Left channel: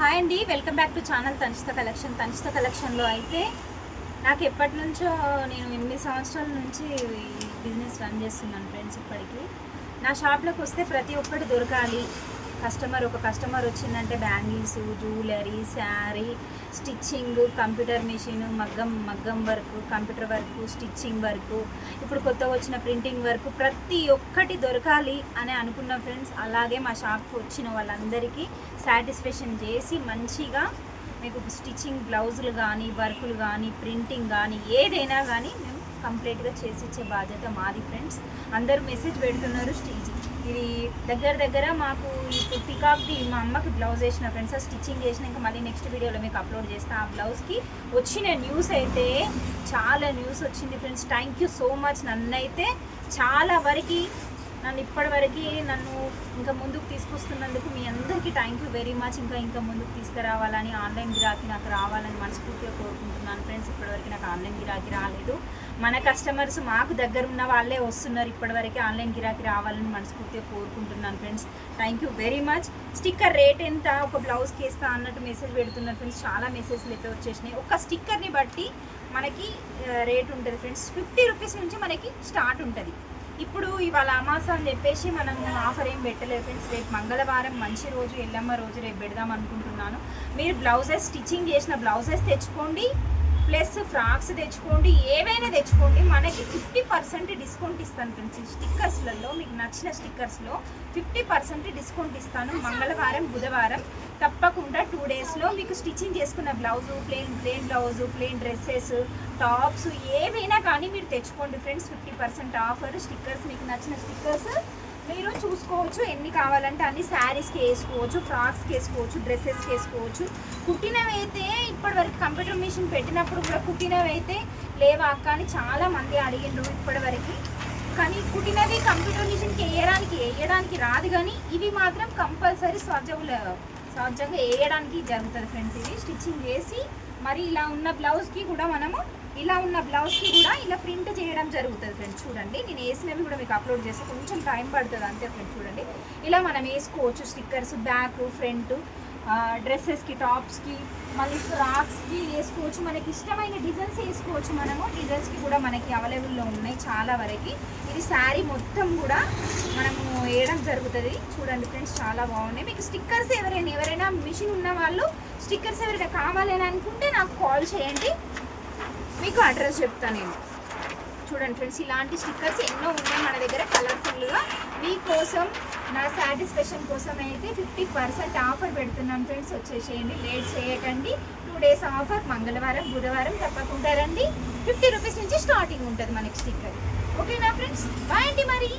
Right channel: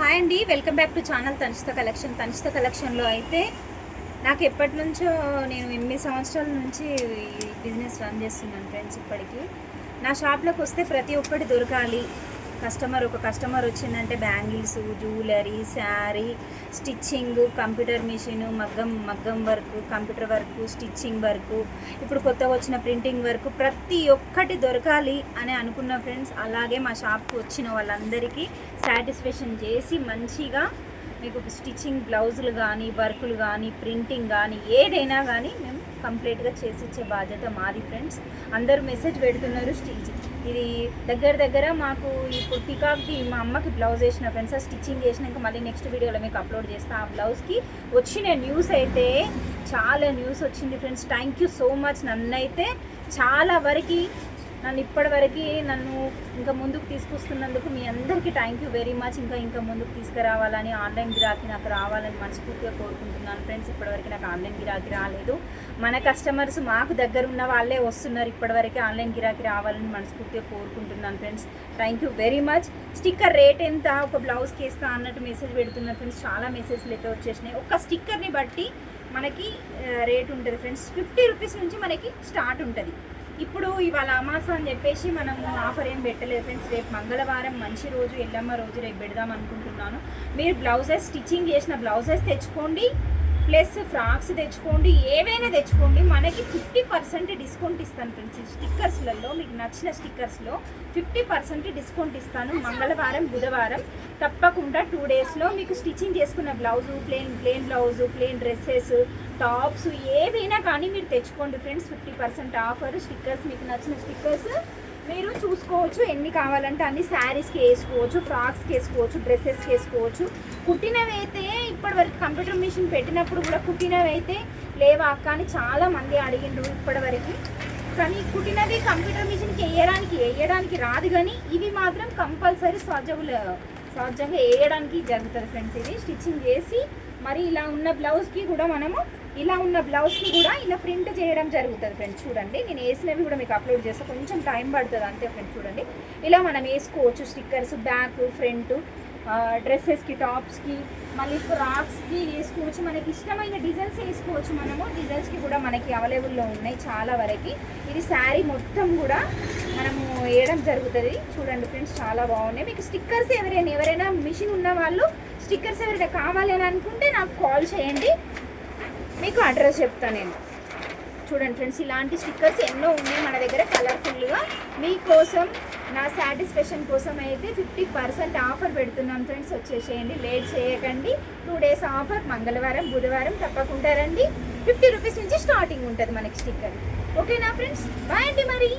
Hi అండి, welcome back to channel తనిష్ట కలెక్షన్లో అయితే నాకు ఎప్పటి నుంచో నేను 8 సంవత్సరాల నుంచి ఈ బిజినెస్ రన్ చేస్తున్నాను ఫ్రెండ్స్. ఇప్పటికీ నా షాప్లోకి వస్తే ప్రతి ఒక్కటి దొరకాలి. ఒక కస్టమర్ వచ్చిందంటే bangles, jewellery, sari, stitching, computer machine, మగ్గం work, computer work, stitching work, ఇప్పుడు కొత్తగా వచ్చిన ప్రింటింగ్ వర్క్, ప్రతి ఒక్కటి దొరకాలి అని అనుకున్న ఫ్రెండ్స్. అలాగే మా షాప్కి వచ్చిన వాళ్ళందరికీ సాటిస్ఫాక్షన్ చేసి మంచిగా మీకు స్టిచ్చింగ్ బ్లౌజులు కానీ, వర్కులు కానీ, ప్రింటింగ్ కానీ, ఏదైనా కానీ మేము కంప్లీట్గా చేసి ఇచ్చే బాధ్యత మాది ఫ్రెండ్స్. అందరూ మెసేజ్ పెడుతున్నారు ఇది దగ్గర మాకు ఇప్పుడు పికాక్ది మా అమ్మకి బ్లౌజ్ వేసిన ఫ్రెండ్స్, స్టిచ్చింగ్ చేసినాక మళ్ళీ నెక్స్ట్ వీడియోలో మీకు అప్లోడ్ చేస్తా. ఆ బ్లౌజ్కి వచ్చిన న్యూస్ అయితే చాలా న్యూస్ వచ్చింది friends. Thank you so much. నన్నైతే చాలా వరకు ఇప్పటివరకు ఇంకా ముందుకు తీసుకొస్తున్నందుకు మీ అందరికీ థ్యాంక్ యూ వెరీ మచ్. ఇంకా ముందుకు తీసుకురావాలని, ఆన్లైన్ గిరాకీ నాకు రావాలని మనస్ఫూర్తిగా కోరుకుంటున్నాను ఫ్రెండ్స్. ఇప్పటివరకు నాకు ఆన్లైన్ గిరాకీ రాలేదు. మన కస్టమర్స్ మాకు దగ్గర ఉన్న వాళ్ళే వస్తున్నారు. ఇప్పటివరకు ఆన్లైన్ గిరాకీ రావాలని మనస్ఫూర్తిగా కోరుకుంటున్నాను friends. Thank you very much. Sticker rate ఎంత, ఒక బ్లౌజ్కి వేస్తా అన్నట్టు మెసేజ్ పెడుతున్నారు ఫ్రెండ్స్. చాలా మెసేజ్లు అయితే వచ్చేసినాయి. ఒక స్టిక్కర్ని బట్టి మనకి రేట్ ఉంటుంది ఫ్రెండ్స్. 50 రూపీస్ నుంచి మనకి స్టార్ట్ ఉంటుంది. ఇప్పుడు ఇవాళ అమాస అని చెప్పేసి మనం ఆఫర్ ఏం పెట్టలేదు ఫ్రెండ్స్. రేపు మంగళవారం మంచి రోజు, ఎల్లమ్మ రోజు, రేపు పెడదాం అనుకుంటున్నాను. మీరు బ్లౌజెస్ స్టిచ్చింగ్ చేసిన బ్లౌజెస్ తెచ్చుకోండి, ప్లస్ ఫ్రాక్స్ తెచ్చుకోండి, ఏవైనా తెచ్చుకోండి. మనకి 50% డిస్కౌంట్ ఇస్తాను ఫ్రెండ్స్. స్టిక్కర్స్లలో మీకు నచ్చిన స్టిక్కర్స్లో 50% డిస్కౌంట్ ఇస్తాను. మంగళవారం, బుధవారం తప్పకుండా 2 డేస్లో మీకు స్టిచ్చింగ్ చేసుకున్న blouse, plain blouse, plain dresses, tops ఏవైనా కానీ మీరు తెచ్చుకోండి ఫ్రెండ్స్. 50% ఆఫర్. స్టిక్కర్స్ మీకు నచ్చిన స్టిక్కర్స్ మీరు చూసుకోవచ్చు. ఎన్ని కావాలంటే అన్ని శారీస్కి వేసుకోవచ్చు, ఫ్రాక్స్కి వేసుకోవచ్చు, డ్రెస్సెస్కి వేసుకోవచ్చు. కుట్టినవి అయితే ఇప్పటివరకు కంప్యూటర్ మిషన్ పెట్టినప్పుడు కూడా కుట్టినవి అయితే లేవా అక్క అని చాలా మంది అడిగిండ్రు ఇప్పటివరకు. కానీ కుట్టినది కంప్యూటర్ మిషన్కి వేయడానికి రాదు, కానీ ఇవి మాత్రం కంపల్సరీ సహజంగా వేయడానికి జరుగుతుంది ఫ్రెండ్స్. ఇది స్టిచ్చింగ్ చేసి మరి ఇలా ఉన్న బ్లౌజ్కి కూడా ఇలా ప్రింట్ చేయడం జరుగుతుంది ఫ్రెండ్స్. చూడండి, నేను వేసినవి కూడా మీకు అప్లోడ్ చేస్తే కొంచెం టైం పడుతుంది అంతే ఫ్రెండ్స్. చూడండి, ఇలా మనం వేసుకోవచ్చు స్టిక్కర్స్ బ్యాక్, ఫ్రంట్, డ్రెస్సెస్కి, టాప్స్కి, మళ్ళీ ఫ్రాక్స్కి వేసుకోవచ్చు. మనకి ఇష్టమైన డిజైన్స్ వేసుకోవచ్చు. డిజైన్స్కి కూడా మనకి అవైలబుల్లో ఉన్నాయి చాలా వరకు. ఇది శారీ మొత్తం కూడా మనము వేయడం జరుగుతుంది. చూడండి ఫ్రెండ్స్, చాలా బాగున్నాయి. మీకు స్టిక్కర్స్ ఎవరైనా మిషన్ ఉన్న వాళ్ళు స్టిక్కర్స్ ఎవరైనా కావాలి అని అనుకుంటే నాకు కాల్ చేయండి, మీకు అడ్రస్ చెప్తాను నేను. చూడండి ఫ్రెండ్స్, ఇలాంటి స్టిక్కర్స్ ఎన్నో ఉన్నాయి మన దగ్గర కలర్ఫుల్గా. మీకోసం నా సాటిస్ఫాక్షన్ కోసం అయితే 50% ఆఫర్ పెడుతున్నాను ఫ్రెండ్స్. వచ్చేసేయండి, లేట్ చేయకండి. 2 డేస్ ఆఫర్. మంగళవారం, బుధవారం తప్పకుండా రండి. 50 రూపీస్ నుంచి స్టార్టింగ్ ఉంటుంది మనకి స్టిక్కర్. ఓకేనా ఫ్రెండ్స్? బాయ్ అండి మరి.